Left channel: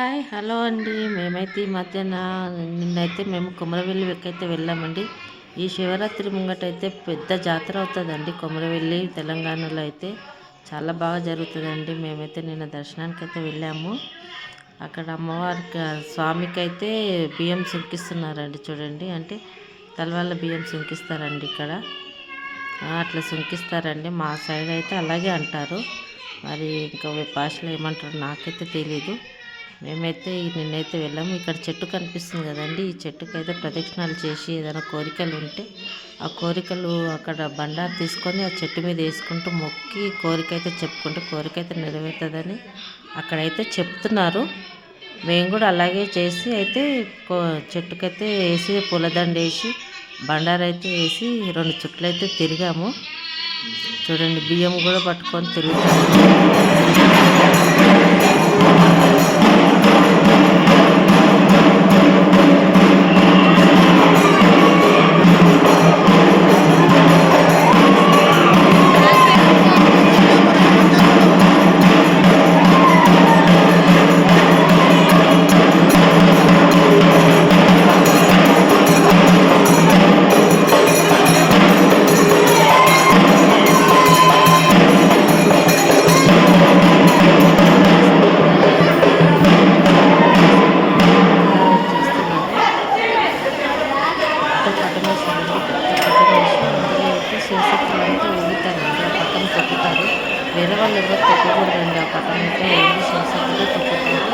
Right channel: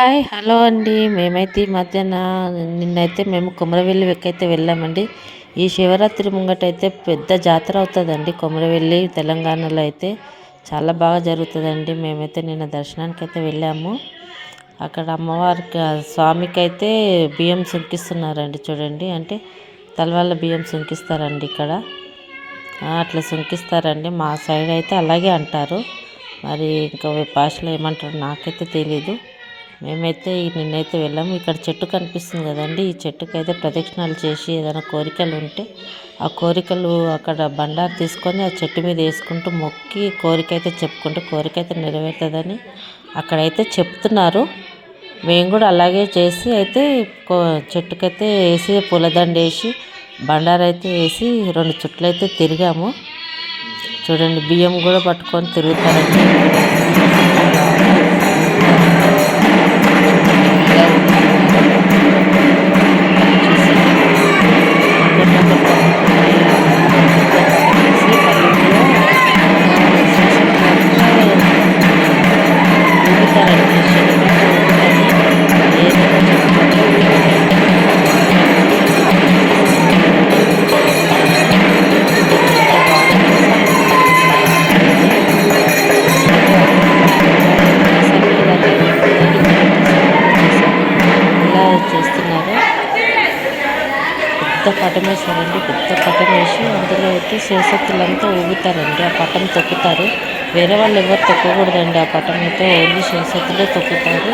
Hi hello అండి. మేమైతే ఈ మధ్యన నిన్నైతే మేము కొమరవెల్లి అయితే వెళ్ళామండి. ఈ శివరాత్రి ముంగటైతే పెద్ద జాతర అవుతుందండి. కొమరవెల్లి తెలంగాణలో అయితే చాలా బాగా జరుగుతుందండి. మేమైతే నిన్న దర్శనానికి అయితే వెళ్ళాము. అక్కడ అమ్మవారికి స్వామికి అయితే బియ్యం సుంకిస్తున్నారండి. చూడండి, అంటే తలవాళ్ళ బియ్యం సుంకిస్తారండి ఇక్కడ. అట్లా సుంకిస్తారండి. మా సైడ్ అయితే అలాగే అంటారు. మరి ఇంకా భాషలో ఏమంటారు నాకైతే తెలీదు. మేమైతే నిన్నైతే వెళ్ళాము. ఇక్కడ చెట్టు కనిపిస్తుంది కదండి, ఈ చెట్టుకు అయితే ప్రదక్షిణాలు చేసి ఏదైనా కోరికలు ఉంటే ఆ కోరికలు అక్కడ బండారు తీసుకొని ఆ చెట్టు మీద వేసుకుంటూ మొక్కి కోరిక అయితే చెప్పుకుంటే కోరిక అయితే నెరవేరుతుందని అక్కడైతే చెప్తున్నారు. మేము కూడా అలాగే చేసి అయితే చెట్టుకైతే వేసి పూలదండ వేసి బండారు అయితే వేసి 2 చుట్లు అయితే తిరిగాము. చూడండి, బియ్యం కూడా పట్టుకొని తిరుగుతారండి. పెద్ద పటం వేస్తారండి. పెద్ద పటం వేసి అందులో అయితే శివశక్తులంతా ఊగుతారండి. ఆ పటం తొక్కుతారు. వేరే వాళ్ళు ఎవరు తొక్కకూడదండి. ఆ పటం అయితే ఓన్లీ శివశక్తులే తొక్కుతారు.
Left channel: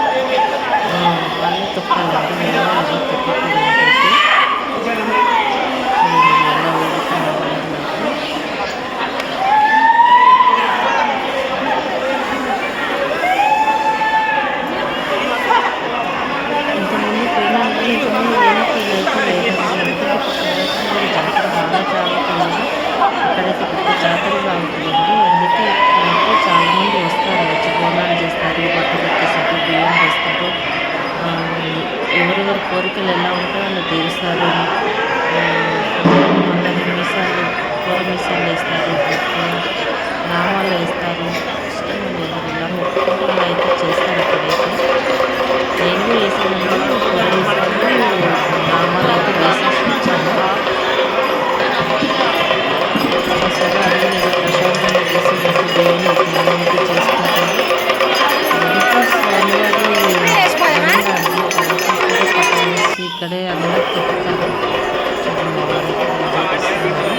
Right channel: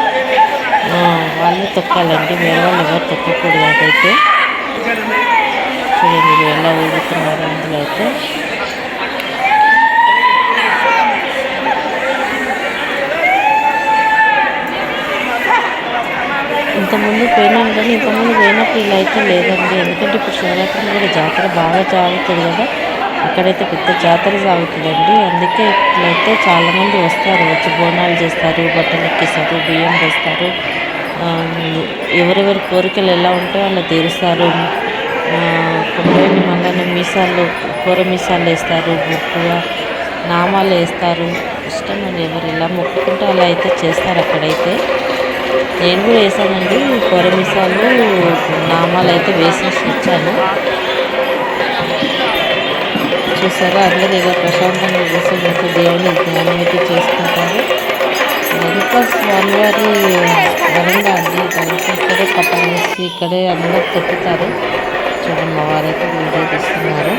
వాళ్ళే తొక్కాలండి. వేరే వాళ్ళు ఎవరు తొక్కకూడదు. అదైతే చూడండి ఎలా ఊగుతున్నారు అందులో అయితే. ఇంతకుముందు పోయినాను కానీ ఇంతకుముందు పోయినప్పుడు ఇలా అయితే లేదండి. ఎందుకంటే ఇప్పుడు శివరాత్రి కూడా జాతర బాగా సాగుతుంది కదా, ఇక్కడైతే పెద్ద జాతర సాగుతుందండి. అందుకే ఇట్లయితే చాలామంది వస్తారు, వచ్చి బోనాలు చేస్తారు, బట్టలు ఎక్కిస్తారు, బియ్యం వేస్తారు. ఎవరెవరి కోరికలు ఎలా ఉంటాయో అలా తీరుస్తారు. కొంతమంది మళ్ళీ మీసాలు కూర మీసాలు వేస్తారు, గట్టిగా నామాలు వేస్తారు. ఇష్టం అని ఎవరు ఇలా మొక్కుకుంటే అలా అయితే చేస్తారు. అక్కడైతే నేను కూడా వేసానండి. కొరమిసాలు నామాలు అయితే వేసేసి వచ్చాను. చూసారా, అందరూ ఏదో ప్రశాంతంగా చేసి మంచి దేవుని జ్ఞానం అయితే చేసుకుంటారు. ఇంకా స్వామివారి వరండా అండి, ఇక్కడే పట్టం వేసి ఇక్కడే అందరూ పెట్టుతారు. చూడండి, మా వారైతే పూజలు చేస్తున్నారు.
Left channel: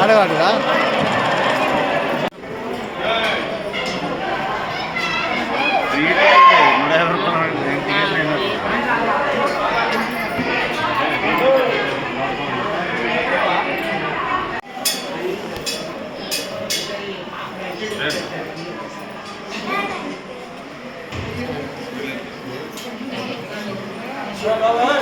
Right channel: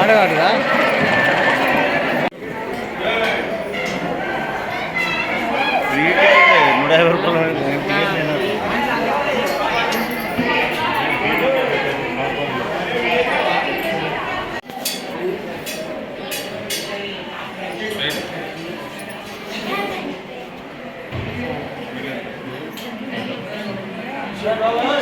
ఆడవాడుగా Bye.